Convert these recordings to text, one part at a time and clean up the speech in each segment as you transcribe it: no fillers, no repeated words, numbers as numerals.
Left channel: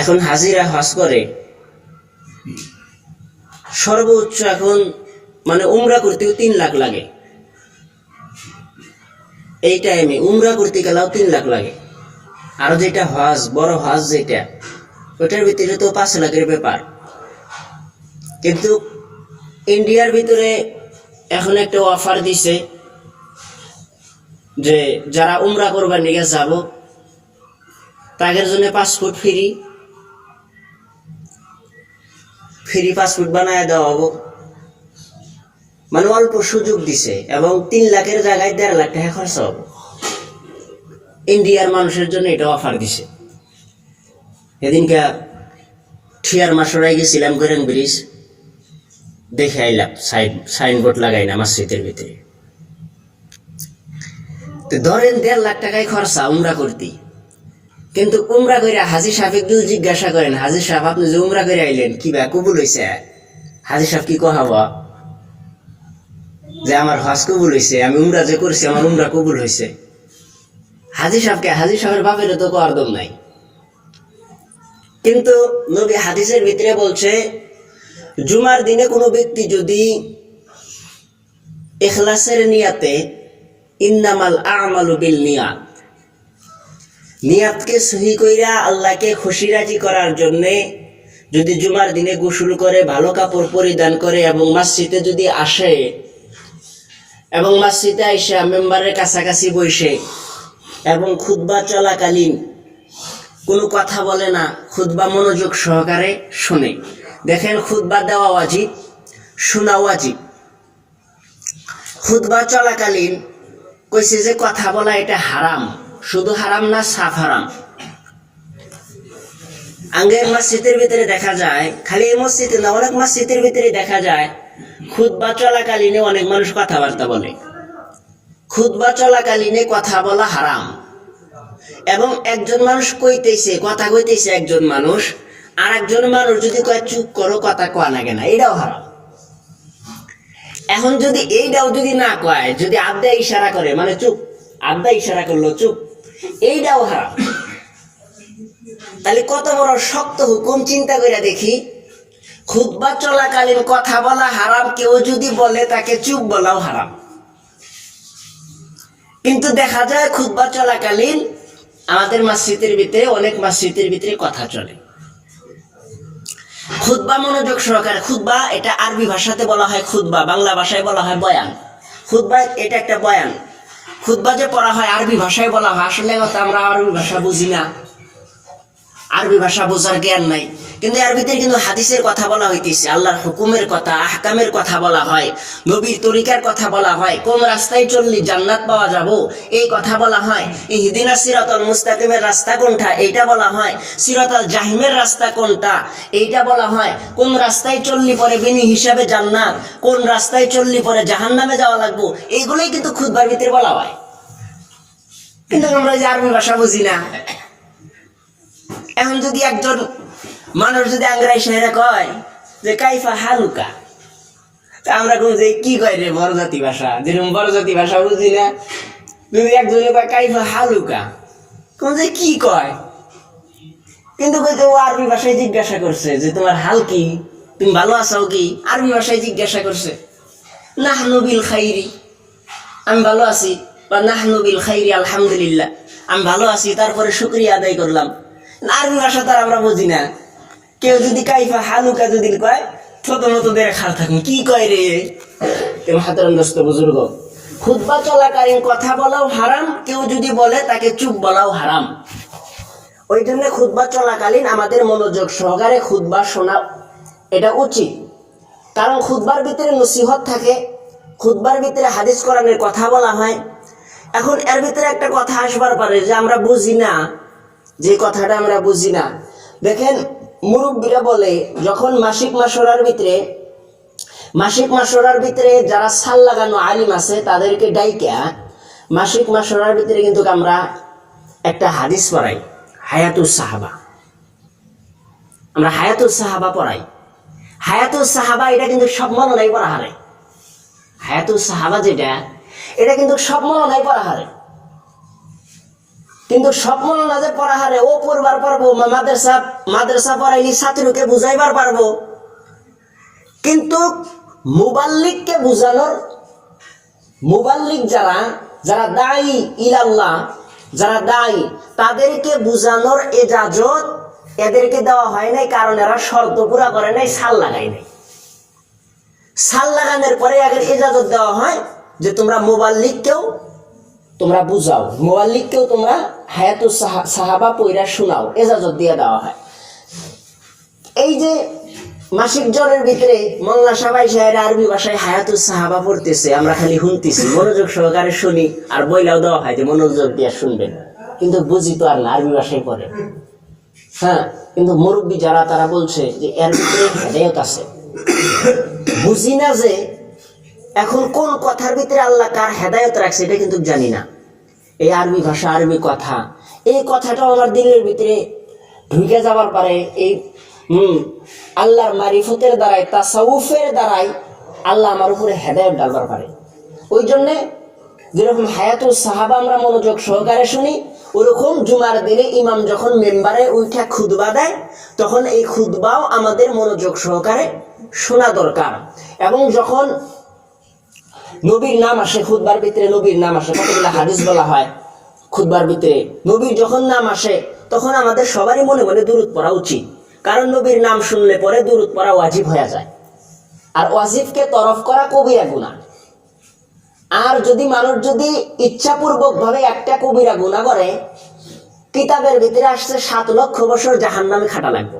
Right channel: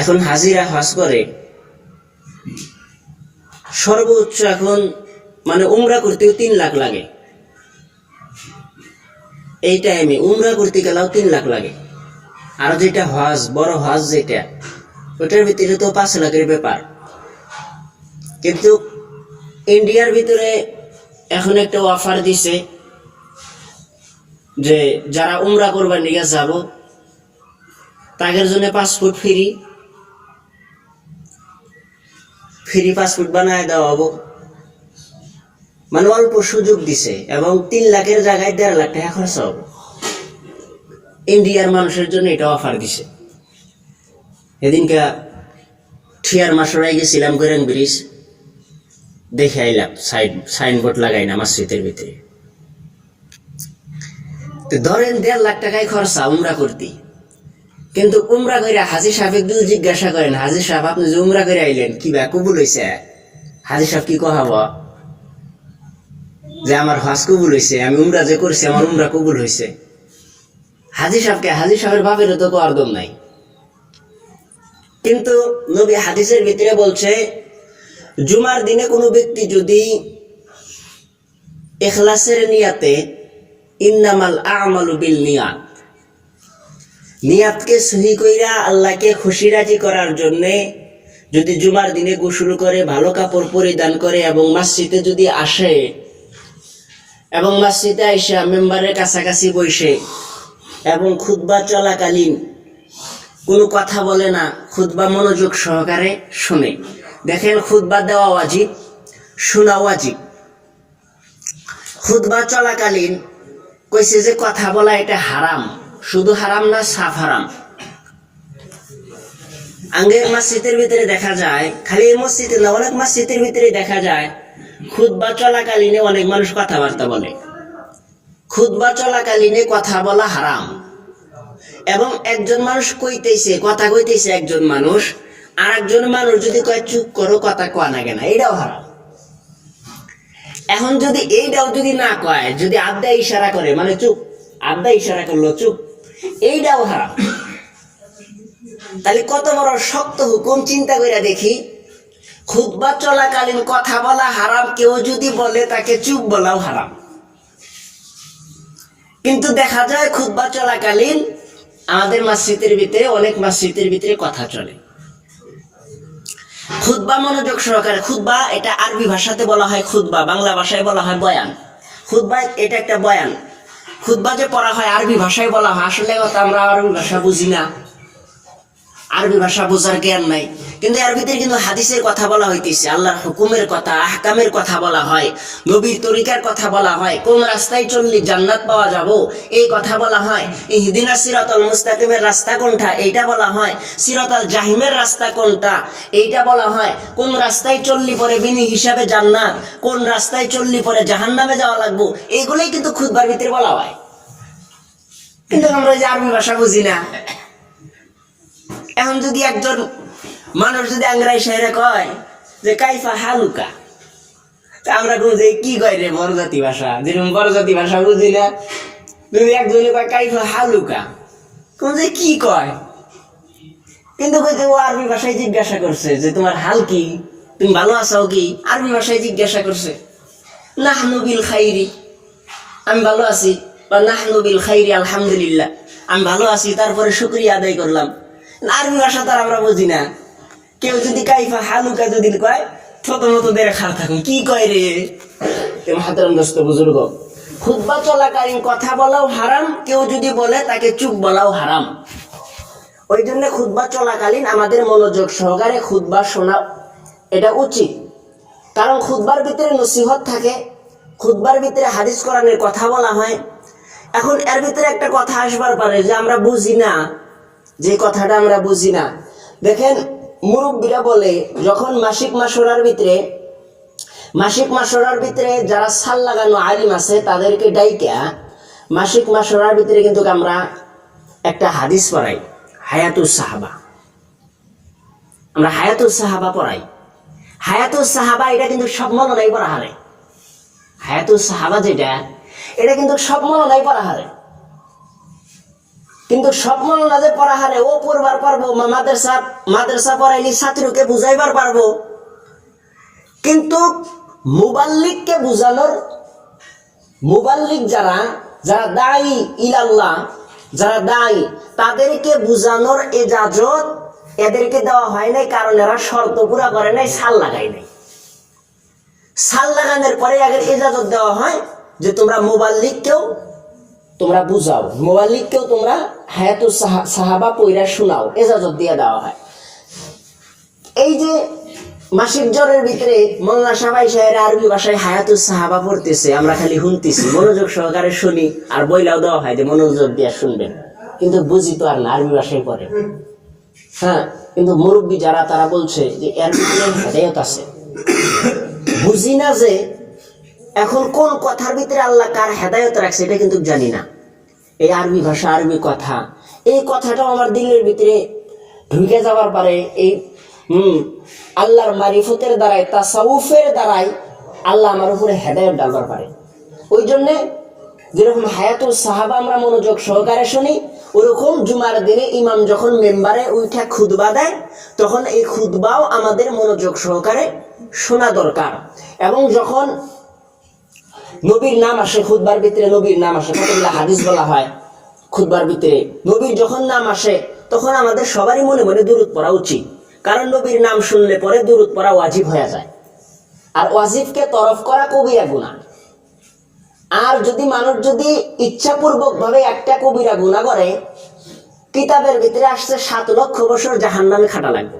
এখন হাজিরা হজ করে সর্বোচ্চ এখন মানে উমরা করতেও 3 লাখ লাগে। এই টাইমে উমরা করতে গেলেও 3 লাখ লাগে। আর যেটা হজ, বড় হজ যেটা, ওটার ভিতরে তো 5 লাখের ব্যাপার। কিন্তু ইন্ডিয়ার ভিতরে এখন একটা অফার দিছে যে যারা উমরা করবার নিয়ে যাব তাদের জন্য পাসপোর্ট ফ্রি পাসপোর্ট বানায় দেওয়া হবো। মানে অল্প সুযোগ দিছে এবং 3 লাখের জায়গায় 1.5 লাখ টাকা খরচ হবে। ইন্ডিয়ার মানুষের জন্য এটা অফার দিছে। সেদিনকে ঠিয়ার মাসরাই গেছিলাম গৈরাং ব্রিজ, দেখে আইলাম সাইনবোর্ড লাগাই না মসজিদের ভিতরে। ধরেন 1.5 লাখ টাকায় খরচা উমরা করতে। কিন্তু উমরা করে হাজি সাহেব যদি জিজ্ঞাসা করেন, হাজি সাহেব আপনি যে উমরা করে আইলেন কি বা কবুল হয়েছে? হাজি সাহেব কি কহাব যে আমার হজ কবুল হয়েছে, আমি উমরা যে করছি আমার উমরা কবুল হয়েছে? হাজি সাহেবের বাপেরও তো করদম নাই। কিন্তু নবী হাদিসের ভিতরে বলছে জুমার দিনে কোনো ব্যক্তি যদি ইখলাসের নিয়াতে, ইন্নামাল আমালু বিল নিয়াত, নিয়াতকে সহি কইরা আল্লাহকে খুশি রাজি করার জন্যে যদি জুমার দিনে গোসল করে, ভালো কাপড় পরিধান করে এবং মসজিদে যদি আসে এবং মসজিদে আইসা মেম্বারের কাছাকাছি বসে এবং খুতবা চলাকালীন কোনো কথা বলে না, খুতবা মনোযোগ সহকারে শোনে। দেখেন খুতবা দেওয়া ওয়াজিব, শোনা ওয়াজিব। খুতবা চলাকালীন কইছে যে কথা বলা এটা হারাম, শুধু হারাম না সাফ হারাম। আঙ্গের মসজিদের ভিতরে দেখা যায়, খালি এই মসজিদে না অনেক মসজিদের ভিতরে দেখা যায় খুতবা চলাকালীনে অনেক মানুষ কথাবার্তা বলে। খুতবা চলাকালীনে কথা বলা হারাম। এবং একজন মানুষ কথা কইতেছে একজন মানুষ, আর একজন মানুষ যদি কয় চুপ করো, কথা কয় না কেন, এটাও হারাম। এখন যদি এইটাও যদি না কয়, যদি আড্ডা ইশারা করে, মানে চুপ, আড্ডা ইশারা করলো চুপ, এইটাও হারাম। তাহলে কত বড় শক্ত হুকুম চিন্তা করে দেখি। খুতবা চলাকালীন কথা বলা হারাম, কেউ যদি বলে তাকে চুপ বলাও হারাম। কিন্তু দেখা যায় খুতবা চলাকালীন আমাদের মসজিদের ভিতরে, অনেক মসজিদের ভিতরে কথা চলে। খুতবা মনোযোগ সহকারে, খুতবা এটা আরবি ভাষাতে বলা হয় খুতবা, বাংলা ভাষায় বলা হয় বয়ান। খুতবা এটা একটা বয়ান। খুতবা যে পড়া হয় আরবি ভাষায় বলা হয়। আসলে কথা আমরা আরবি ভাষা বুঝি না, আরবি ভাষা বোঝার জ্ঞান নাই। কিন্তু এর ভিতরে কিন্তু হাদিসের কথা বলা হইতেছে, আল্লাহর হুকুমের কথা, আহকামের কথা বলা হয়, নবীর তরিকার কথা বলা হয়, কোন রাস্তায় চললে জান্নাত পাওয়া যাব এই কথা বলা হয়, ইহদিনাস সিরাতাল মুস্তাকিমের রাস্তা কোনটা এইটা বলা হয়, সিরাতাল জাহিমের রাস্তা কোনটা এইটা বলা হয়, কোন রাস্তায় চললি পরে বিনি হিসাবে জান্নাত, কোন রাস্তায় চললি পরে জাহান্নামে যাওয়া লাগবো, এইগুলোই কিন্তু খুতবার ভিতরে বলা হয়। কিন্তু আমরা ওই যে আরবি ভাষা বুঝি না। এখন যদি একজন মানুষ যদি আংরাই শহরে কয় যে কাইফা হালুকা, তা আমরা কোন যে কি কয় রে বরজাতি ভাষা, যেরকম বরজাতি ভাষা বুঝি না, যদি একজনে কয় কাইফা হালুকা, কোন যে কি কয়। কিন্তু ও আরবি ভাষায় জিজ্ঞাসা করছে যে তোমার হাল কি, তুমি ভালো আছো কি, আরবি ভাষায় জিজ্ঞাসা করছে। নাহনু বিল খাইরি, আমি ভালো আছি, বা নাহনু বিল খাইরি আলহামদুলিল্লাহ, আমি ভালো আছি, তারপরে শুকরিয়া আদায় করলাম। আরবি ভাষা তার আমরা বুঝি না। কেউ যদি কাইফা হালুকা যদি কয়, ছোট মতো দেড় খার থাকুন, কি কয় রে। হাতারাম দোস্ত বুজুর্গ, খুতবা চলাকালীন কথা বলাও হারাম, কেউ যদি বলে তাকে চুপ বলাও হারাম। ওই জন্য খুতবা চলাকালীন আমাদের মনোযোগ সহকারে খুতবা শোনা এটা উচিত। কারণ খুতবার ভিতরে নসিহত থাকে, খুতবার ভিতরে হাদিস কোরআনের কথা বলা হয়। এখন এর ভিতরে একটা কথা আসবার পারে যে আমরা বুঝি না, যে কথাটা আমরা বুঝি না। দেখেন মুরব্বীরা বলে যখন মাসিক মাসরার ভিতরে যারা সাল লাগানো আলিম আছে তাদেরকে ডাইকা মাসিক মাসরার ভিতরে কিন্তু আমরা একটা হাদিস পড়াই, হায়াতুস সাহাবা। আমরা হায়াতুস সাহাবা পড়াই। হায়াতুস সাহাবা এটা কিন্তু সব মননাই পড়া হারে। হায়াতুস সাহাবা যেটা, এটা কিন্তু সব মননাই পড়া হারে। কিন্তু স্বপ্ন না যে পড়াহারে ও পড়বার পারবো, মাদ্রাসা মাদ্রাসা পড়াইলি ছাত্রকে বুঝাইবার পারবো, কিন্তু মুবাল্লিগকে বুঝানোর, মুবাল্লিগ যারা যারা দায়ী ইলাল্লাহ, যারা দায়ী, তাদেরকে বুঝানোর এজাজত এদেরকে দেওয়া হয় নাই, কারণ এরা শর্ত পুরা করে নাই, সাল লাগাই নাই। সাল লাগানোর পরে আগের এজাজত দেওয়া হয় যে তোমরা মুবাল্লিগকেও তোমরা বুঝাও, মুবাল্লিগকেও তোমরা হায়াতুস সাহাবা পইরা শোনাও, এজাজত দিয়ে দেওয়া হয়। এই যে মাসিক জ্বরের ভিতরে মোল্লা সাবাই সাহের আরবি ভাষায় হায়াতুস সাহাবা পড়তেছে, আমরা খালি শুনতেছি, মনোযোগ সহকারে শুনি, আর বইলাও দেওয়া হয় যে মনোযোগ দিয়ে শুনবেন, কিন্তু বুঝি তো আর না, আরবি ভাষায় পড়ে। হ্যাঁ, কিন্তু মুরব্বী যারা তারা বলছে যে এর ভিতরে হেদায়েত আছে। বুঝি না যে এখন কোন কথার ভিতরে আল্লাহ কার হেদায়েত রাখছে এটা কিন্তু জানি না। এই আরবি ভাষা, আরবি কথা, এই কথাটাও আমার দিলের ভিতরে ঢুকে যাবার পারে। এই আল্লাহর মারিফতের দ্বারাই, তাসাউফের দ্বারাই আল্লাহ আমার উপরে হেদায়েত ডালবার পারে। ওই জন্যে যেরকম হায়াতুস সাহাবা আমরা মনোযোগ সহকারে শুনি, ওরকম জুমার দিনে ইমাম যখন মেম্বারে উঠে খুতবা দেয়, তখন এই খুতবাও আমাদের মনোযোগ সহকারে শোনা দরকার। এবং যখন নবীর নাম আসে খুতবার ভিতরে, নবীর নাম আসে, কতগুলো হাদিস বলা হয় খুতবার ভিতরে, নবীর যখন নাম আসে তখন আমাদের সবারই মনে মনে দুরূদ পড়া উচিত, কারণ নবীর নাম শুনলে পরে দুরূদ পড়া ওয়াজিব হয়ে যায়। আর ওয়াজিবকে তরফ করা কবিরা গুনাহ। আর যদি মানুষ যদি ইচ্ছাপূর্বকভাবে একটা কবিরা গুনাহ করে, কিতাবের ভিতরে আসছে 7 লক্ষ বছর জাহান্নামে খাটা লাগবে।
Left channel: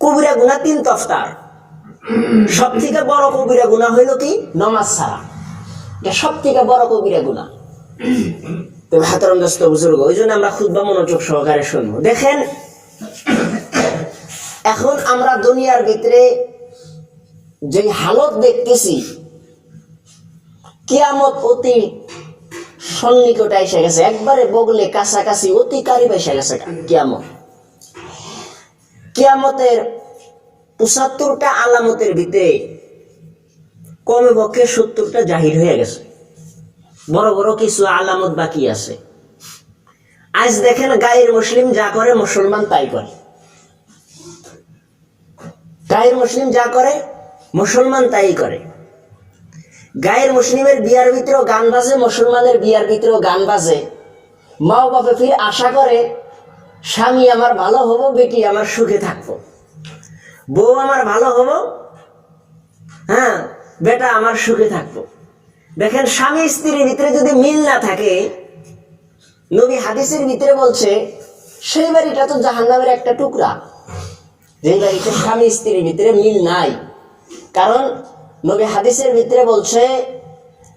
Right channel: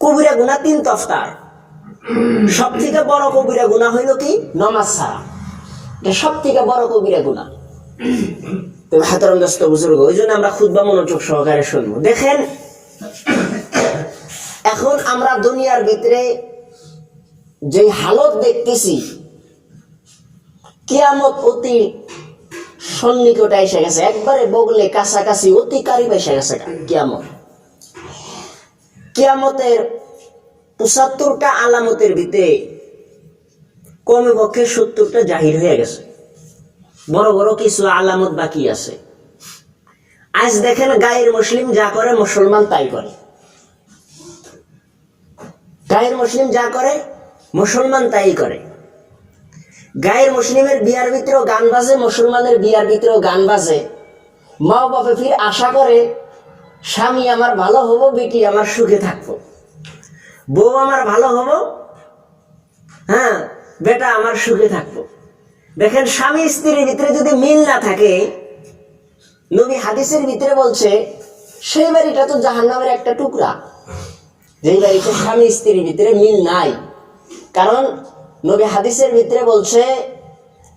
কবিরা গুনাহ 3 তফতার। সব থেকে বড় কবিরা গুনাহ হইল কি? নামাজ ছাড়া। এটা সব থেকে বড় কবিরা গুনাহ। তবে হাতরম দোস্ত বুজুর্গ, ওই জন্য আমরা খুতবা মনোযোগ সহকারে শুনবো। দেখেন, এখন আমরা দুনিয়ার ভিতরে যে হালত দেখতেছি, কিয়ামত অতি সন্নিকটে এসে গেছে, একবারে বগলে কাছাকাছি, অতি কারিব এসে গেছে কিয়ামত। কিয়ামতের 75টা আলামতের ভিতরে কমে পক্ষে 70টা জাহির হয়ে গেছে, বড় বড় কিছু আলামত বাকি আছে। আজ দেখেন, গায়ের মুসলিম যা করে মুসলমান তাই করে। গায়ের মুসলিম যা করে মুসলমান তাই করে। গায়ের মুসলিমের বিয়ার ভিতরেও গান বাজে, মুসলমানের বিয়ার ভিতরেও গান বাজে। মাও বাপে ফির আশা করে স্বামী আমার ভালো হবো, বেটি আমার সুখে থাকবো, বউ আমার ভালো হবো, হ্যাঁ বেটা আমার সুখে থাকবো। দেখেন, স্বামী স্ত্রীর ভিতরে যদি মিল না থাকে, নবী হাদিসের ভিতরে বলছে সেই বাড়িটা তো জাহান্নামের একটা টুকরা, যেই বাড়িতে স্বামী স্ত্রীর ভিতরে মিল নাই। কারণ নবী হাদিসের ভিতরে বলছে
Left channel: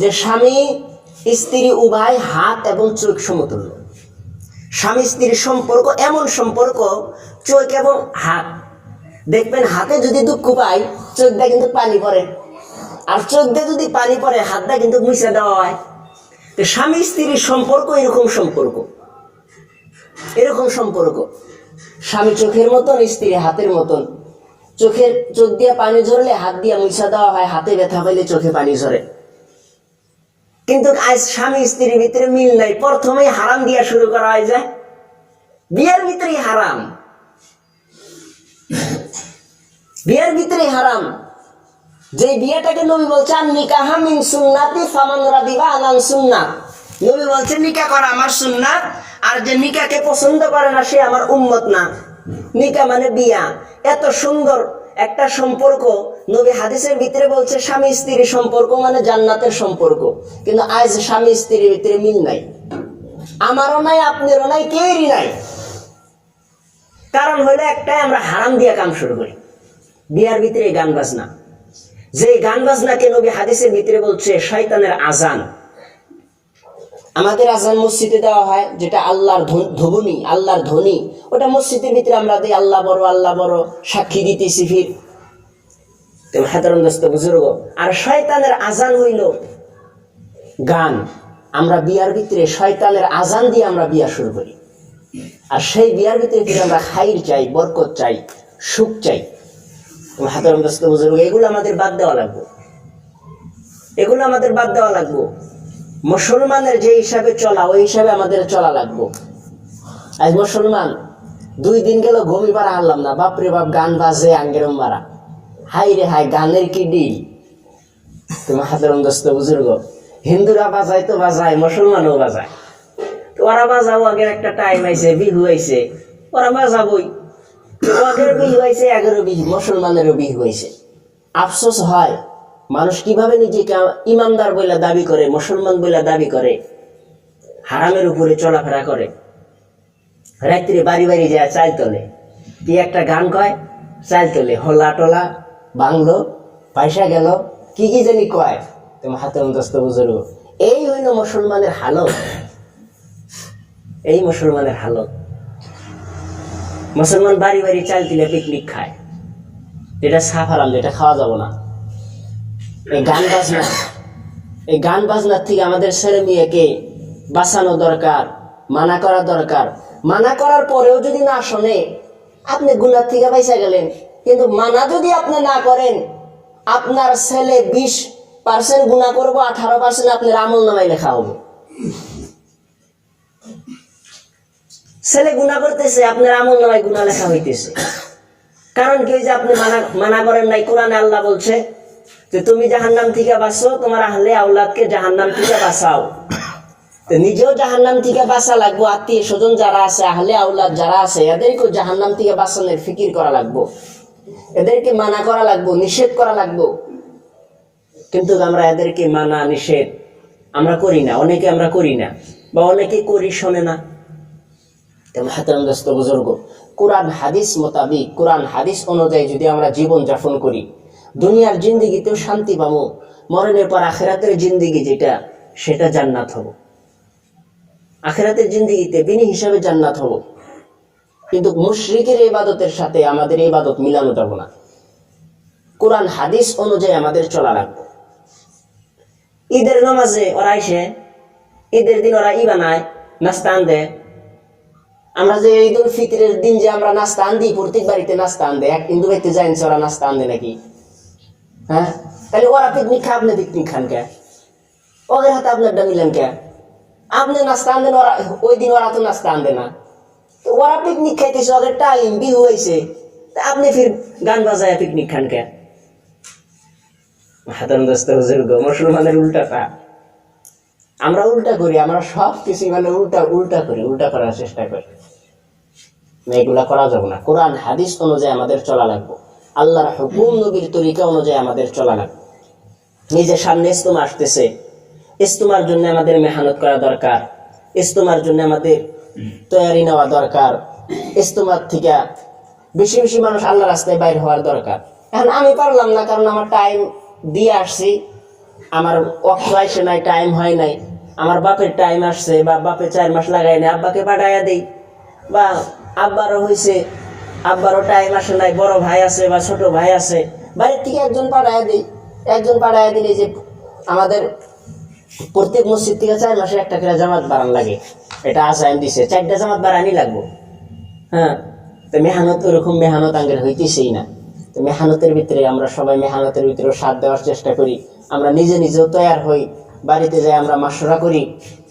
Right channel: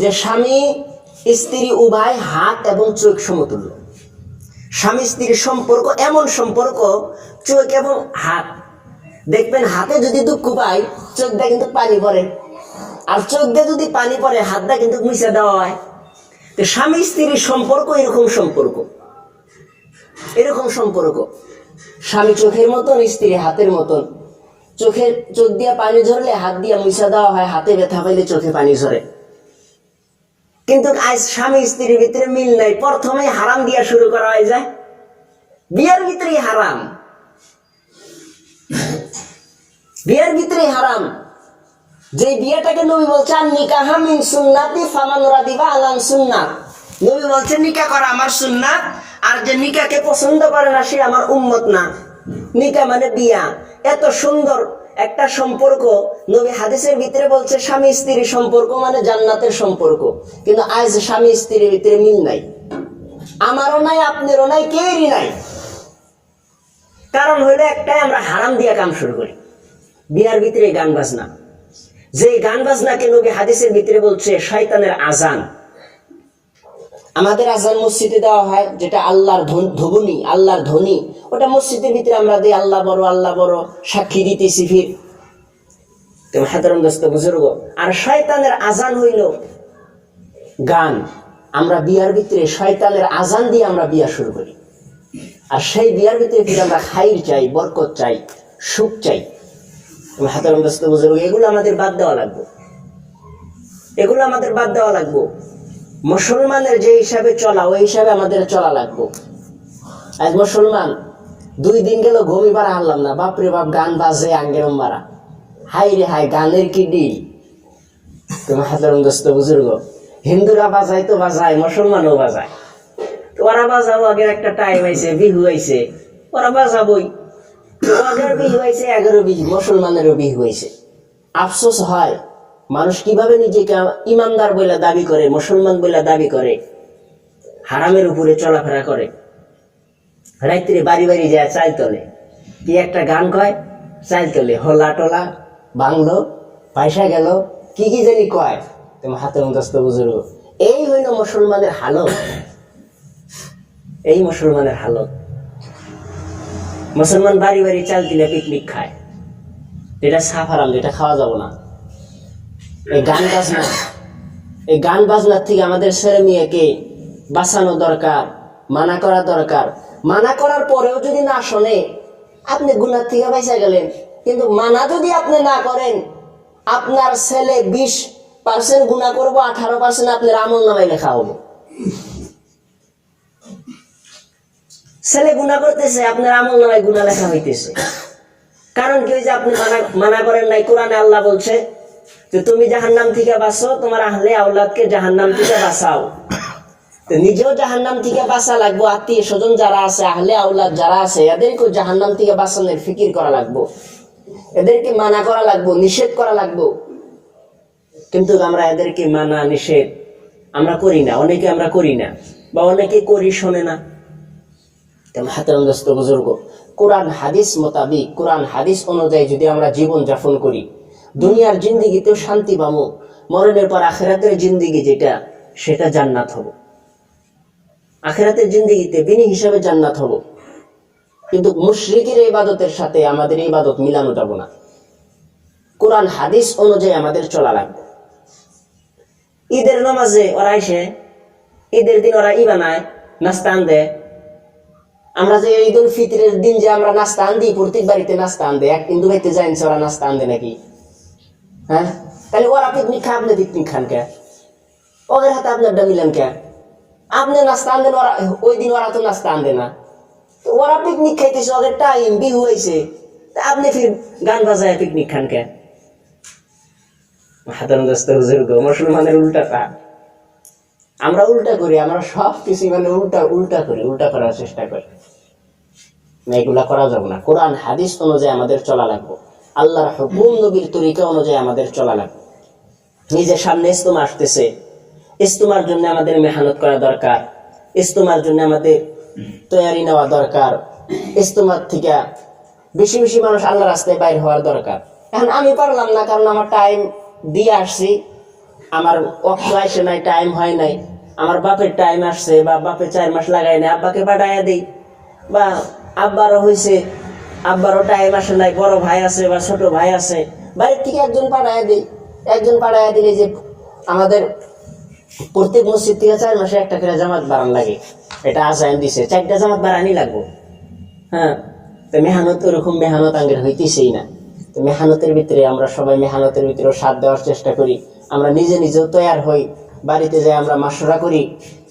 যে স্বামী স্ত্রী উভয় হাত এবং চোখ সমতুল্য। স্বামী স্ত্রীর সম্পর্ক এমন সম্পর্ক, চোখ এবং হাত। দেখবেন, হাতে যদি দুঃখ পায় চোখ দিয়ে কিন্তু পানি পড়ে, আর চোখ দিয়ে যদি পানি পড়ে হাত দিয়ে কিন্তু মুছে দেওয়া হয়। তো স্বামী স্ত্রীর সম্পর্ক এরকম সম্পর্ক, এরকম সম্পর্ক। স্বামী চোখের মতন, স্ত্রী হাতের মতন। চোখ দিয়ে পানি ঝরলে হাত দিয়ে মুছা দেওয়া হয়, হাতে ব্যথা পাইলে চোখে পানি ঝরে। কিন্তু আজ স্বামী স্ত্রীর ভিতরে মিল নাই, প্রথমেই হারাম দিয়া শুরু করা হয় যায়। বিয়ের ভিতরেই হারাম, বিয়ের ভিতরেই হারাম। যে বিয়েটাকে নবী বলছেন নিকাহ মিন সুন্নাতি ফামান রাদিবা আলান সুন্নাত, নবী বলছেন নিকাহ করা আমার সুন্নাত, আর যে নিকাহকে পছন্দ করে না সে আমার উম্মত না। নিকাহ মানে বিয়া। এত সুন্দর একটা সম্পর্ক নবী হাদিসের ভিতরে বলছে স্বামী স্ত্রীর সম্পর্ক মানে জান্নাতের সম্পর্ক। কিন্তু আজ স্বামী স্ত্রীর ভিতরে মিল নাই, আমারও নাই, আপনারও নাই, কেউরই নাই। কারণ হইলো একটাই, আমরা হারাম দিয়া কাম শুরু করি। বিয়ার ভিতরে গান বাজনা, যে গান বাজনাকে নবী হাদিসের ভিতরে বলছে শয়তানের আজান। আমাদের আজান মসজিদে দেওয়া হয়, যেটা আল্লাহর ধ্বনি, আল্লাহর ধ্বনি, ওটা মসজিদের ভিতরে আমরা দিই, আল্লাহ বড়, আল্লাহ বড়, সাক্ষী দিতেছি ফির। তুমি হাজারন দোস্ত বুজুর্গ, আর শয়তানের আজান হইল গান। আমরা বিয়ার ভিতরে শয়তানের আজান দিয়ে আমরা বিয়া শুরু করি, আর সেই বিয়ার ভিতরে ফিরে আমরা খাইর চাই, বরকত চাই, সুখ চাই। তুমি হাজারন দোস্ত বুজুর্গ, এগুলো আমাদের বাদ দেওয়া লাগবে, এগুলো আমাদের বাদ দেওয়া লাগবে। মুসলমানের যে হিসাবে চলা ওই হিসাবে আমাদের চলা লাগবো। আজ মুসলমান 2 দিন গেল ঘুমি পারা হারলাম না, বাপরে বাপ গান বাজে আঙ্গেরম মারা, হাই রে হাই গানের কি ডিল। তোমার হাতের দোস্ত বুজুর্গ, হিন্দুরা বাজায় তো বাজায়, মুসলমানও বাজায়, তো ওরা বাজাবো, আগের একটা টাইম আইছে, বিহু আইছে, ওরা বাজাবই, তো ওদের বিহু আইছে, 11 বিহু, মুসলমানেরও বিহু আইছে। আফসোস হয় মানুষ কিভাবে নিজেকে ইমানদার বলে দাবি করে, মুসলমান বলে দাবি করে, হারামের উপরে চলাফেরা করে, রাত্রে বাড়ি বাড়ি যায় চাল তোলে, কি একটা গান কয়, চাল তোলে, হোলা টোলা বাংলো, পয়সা গেল, কি কি জানি কয়। তোমার হাতে দোস্ত বুজুর্গ, এই হইল মুসলমানের হালত, এই মুসলমানের হালত। মুসলমান বাড়ি বাড়ি চাল দিলে পিকনিক খায়, যেটা সাফ হারাম, যেটা খাওয়া যাব না। এই গান বাজনার থেকে আমাদের ছেলে মেয়েকে বাঁচানো দরকার, মানা করা দরকার। মানা করার পরেও যদি না শোনে, আপনি গুনার থেকে বাইসা গেলেন, কিন্তু মানা যদি আপনি না করেন, আপনার ছেলে 20% গুনাহ করবো, 18% আপনার আমল নামায় লেখা হবে। ছেলে গুনাহ করতেছে, আপনার আমল নামায় গুনাহ লেখা হইতেছে। কারণ কি, যে আপনি মানা করেন নাই। কোরআনে আল্লাহ বলছে যে তুমি জাহান্নাম থেকে বাঁচো, তোমার আহলে আওলাদকে জাহান্নাম থেকে বাঁচাও। তো নিজেও জাহান্নাম থেকে বাঁচা লাগবো, আত্মীয় স্বজন যারা আছে, আহলে আওলাদ যারা আছে, এদেরকেও জাহান্নাম থেকে বাঁচানোর ফিকির করা লাগবো, এদেরকে মানা করা লাগবো, নিষেধ করা লাগবো। কিন্তু আমরা এদেরকে মানা নিষেধ আমরা করি না, অনেকে আমরা করি না, বা অনেকে করি শোনে না। তেমন হাতের দোস্ত বুজুর্গ, কোরআন হাদিস মোতাবিক, কোরআন হাদিস অনুযায়ী যদি আমরা জীবন যাপন করি, দুনিয়ার জিন্দিগিতেও শান্তি পাবো, মরণের পর আখেরাতের জিন্দিগি যেটা, সেটা জান্নাত হব। আখেরাতের জিন্দিগিতে বিনি হিসাবে জান্নাত হব। কিন্তু মুশরিকের ইবাদতের সাথে আমাদের ইবাদত মিলানো যাব না। কোরআন হাদিস অনুযায়ী আমাদের চলা লাগবে। ঈদের নামাজে ওরা এসে, ঈদের দিন ওরা বানায়, নাস্তা আন দেয়। আমরা যে ঈদ উল ফিতরের দিন যে আমরা নাস্তা আন দিই, প্রত্যেক বাড়িতে নাস্তা আন দেয়, এক হিন্দু বাড়িতে যাইছে ওরা নাস্তা আন দেয় নাকি? হ্যাঁ, তাহলে ওরা পিকনিক খায়, আপনি পিকনিক খান কে? ওদের হাতে আপনারটা মিলেন কে? আপনি নাস্তা আন দেন, ওরা ওই দিন ওরা তো নাস্তা আন দেয় না। তো ওরা পিকনিক খাইতেছে, ওদের টাইম বিহু হয়েছে, তা আপনি ফির গান বাজায় পিকনিক খান কে? হাতের দোস্ত বুজুর্গ, মুসলমানের উল্টাটা আমরা উল্টা করি, আমরা সব কিছু মানে উল্টা করি, উল্টা করার চেষ্টা করি। এগুলা করা যাবে না। কোরআন হাদিস অনুযায়ী আমাদের চলা লাগবে, আল্লাহর হুকুম নবীর তরিকা অনুযায়ী আমাদের চলা লাগবে। নিজের সামনে ইজতেমা আসতেছে, ইজতেমার জন্য আমাদের মেহনত করা দরকার, ইজতেমার জন্য আমাদের তৈরি নেওয়া দরকার, ইজতেমার থেকে বেশি বেশি মানুষ আল্লাহ রাস্তায় বাইর হওয়ার দরকার। এখন আমি পারলাম না, কারণ আমার টাইম দিয়ে আসছি, আমার অক্ত আসে নাই, টাইম হয় নাই, আমার বাপের টাইম আসছে, বা বাপে 4 মাস লাগাই নাই, আব্বাকে পাঠাইয়া দিই, বা আব্বারও হয়েছে, আব্বারও টাইম আসে নাই, বড় ভাই আছে বা ছোট ভাই আছে, বাড়ির থেকে একজন পাঠাইয়া দিই। একজন পাঠাইয়া দিলে যে আমাদের প্রত্যেক মসজিদ থেকে 4 মাসে একটা করে জামাত বাড়ান লাগে, এটা আসায়ন দিছে, 4টা জামাত বাড়ানি লাগবো। হ্যাঁ, তো মেহনত ওরকম মেহনত আঙ্গের হইতেছেই না। তো মেহনতের ভিতরে আমরা সবাই মেহনতের ভিতরেও সাথ দেওয়ার চেষ্টা করি। আমরা নিজে নিজেও তৈয়ার হই, বাড়িতে যাই আমরা মাশওয়ারা করি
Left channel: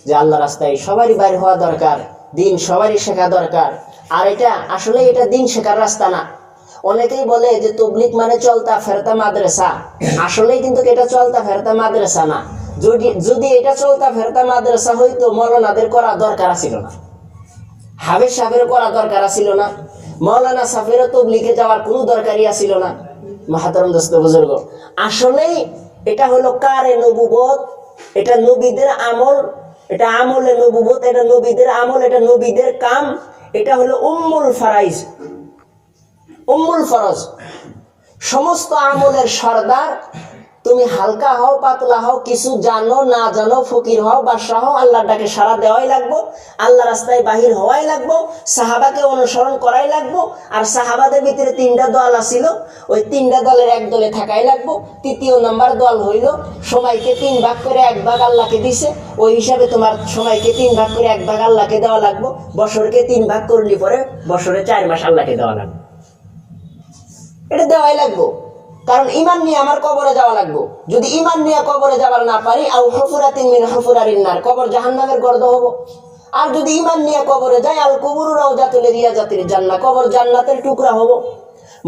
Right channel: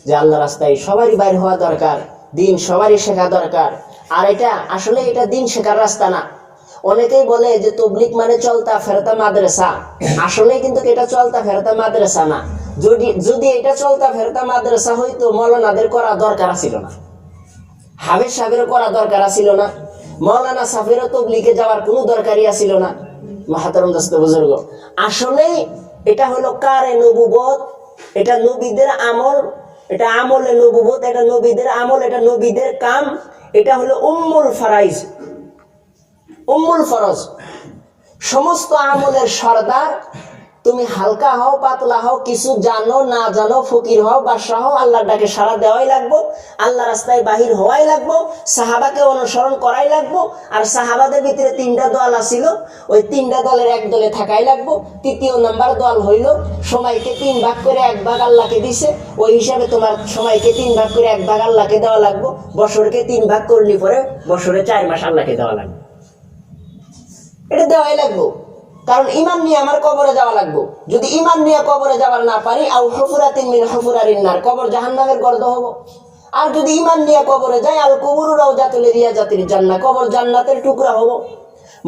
যে আল্লাহ রাস্তায় সবারই বাইর হওয়া দরকার, দিন সবারই শেখা দরকার। আর এটা আসলে এটা দিন শেখার রাস্তা না। অনেকেই বলে যে তবলিগ মানে চলতা ফেরতা মাদ্রাসা, আসলেই কিন্তু এটা চলতা ফেরতা মাদ্রাসা না। যদি এটা চলতা ফেরতা মাদ্রাসা হইতো, মৌলানাদের করা দরকার ছিল না, হাফেজ সাহেবেরও করা দরকার ছিল না, মৌলানা সাফেরও তবলিগে যাওয়ার কোনো দরকারই ছিল না। মাহাতারম দোস্ত বুজুর্গ, আসলেই এটা হলো কারে নবুবত, এটা নবীদের আমল, এটা আমলে নবুবত, এটা নবীদের আমল, এটা নবীদের কাম, এটা হলো উম্মুল ফারাইজ, উম্মুল ফরজ, সমস্ত আমলের সর্দার। তুমি হালকা হও পাতলা হও, কিছু জানো না জানো, ফকির হও বাদশাহ হও, আল্লাহর ডাকে সাড়া দেওয়াই লাগবো, আল্লাহ রাস্তায় বাহির হওয়াই লাগবো, সাহাবাকে অনুসরণ করাই লাগবো। আর সাহাবাদের ভিতরে 3টা দল আছিল, ওই 3টা দলের এক দলে থাকাই লাগবো। 3য় নাম্বার দল হইল সময়কে 3 ভাগ করে 1 ভাগ আল্লাহকে দিছে, ওই হিসাবে তোমার সময়কে 3 ভাগ করে 1 ভাগ আল্লাহকে দেওয়া লাগবো। বছরকে 3 ভাগ করলি পরে বছরে 4 মাস আল্লাহকে দেওয়া লাগবে, এটা দেওয়াই লাগবো। কারণ ইমান নিয়ে আমার কবরে যাওয়া লাগবে। যদি ইমান নিয়ে কবরে যাবার না পারি, আও হুফুরাতিন মিন হুফুরারিন নার, কবর জাহান্নামের গর্ত হব। আর যদি ইমান নিয়ে কবরে যাই, আল কুবুরু রাউজাতুল রিয়াজাতিল জান্নাহ, কবর জান্নাতের টুকরা হব।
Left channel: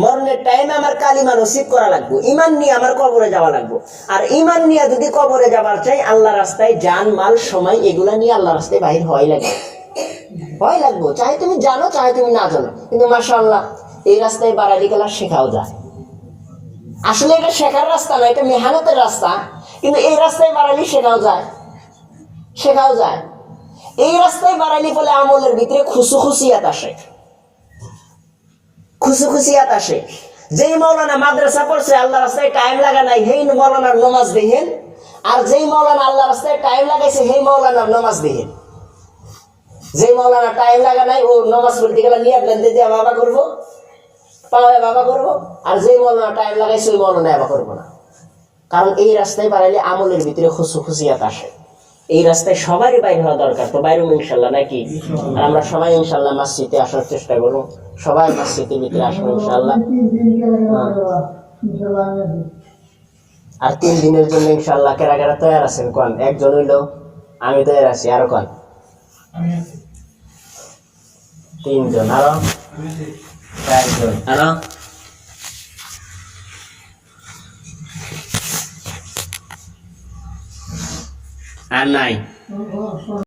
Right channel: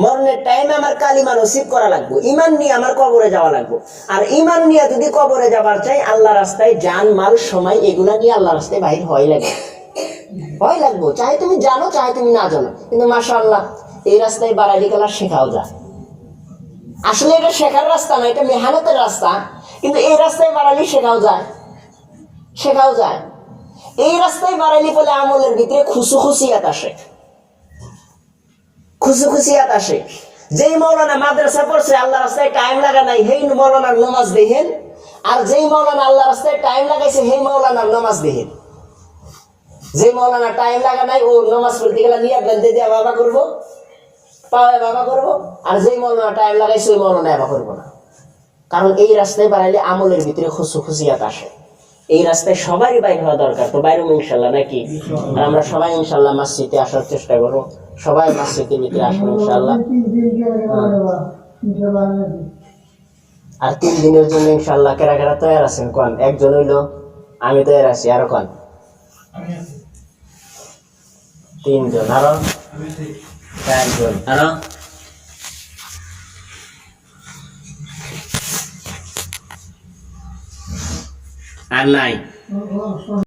মরণের টাইমে আমার কালিমা নসিব করা লাগবে, ইমান নিয়ে আমার কবরে যাওয়া লাগবে। আর ইমান নিয়ে যদি কবরে যাবার চাই, আল্লাহ রাস্তায় জান মাল সময় এগুলা নিয়ে আল্লাহ রাস্তায় বাহির হয় লাগবে, হয় লাগবো, চাহে তুমি জানো চাহে তুমি না জানো। কিন্তু মাশাআল্লাহ এই রাস্তায় বাড়াইলে গেলা শেখাও যায়। আসলে এটা শেখার রাস্তা না, এটা মেহনতের রাস্তা, কিন্তু এই রাস্তায় বাড়াইলে শেখাও যায়, শেখাও যায়। এই রাস্তায় বাড়াইলে বলে আমলের ভিতরে খুশুখুশিয়াত আসে, খুশুখুশিয়াত আসে। যেই মৌলানা মাদ্রাসা পড়ছে আল্লাহ রাস্তায় টাইম লাগা নাই, হেই মৌলানার নমাজ দেখেন। আর যেই মৌলানা আল্লাহ রাস্তায় টাইম লাগাইছে সেই মৌলানার নমাজ দেখেন। যেই মৌলানা টাইম লাগা নাই ও নমাজ পড়তে গেলে নিয়াত বান্ধে দিয়ে বাবা করবো, পাওয়ায় বাবা করবো। আর যেই মৌলানা টাইম লাগাইছে ওই মৌলানা বাবা করবো না। কারণ এই রাস্তায় বাড়াইলে আমলের ভিতরে খুশুখুশিয়াত আসে। এই রাস্তায় সবারই বাইরে হওয়া দরকার, তো বাইরেও ইনশাল্লাহ নাকি। আর আমরা সবাই ইনশাল্লাহ মসজিদে আসার চেষ্টা করবো, সবাই মসজিদের ভিতরে আসবো ইনশাল্লাহ। আর 3 দিনের জন্য ইনশাল্লাহ কেরা কেরা তৈরি আছেন কোন? একজন হইলো, আমি তৈরি আছি, আরো কোন? 3 জন, আরো 4 জন, আরো আর নাই।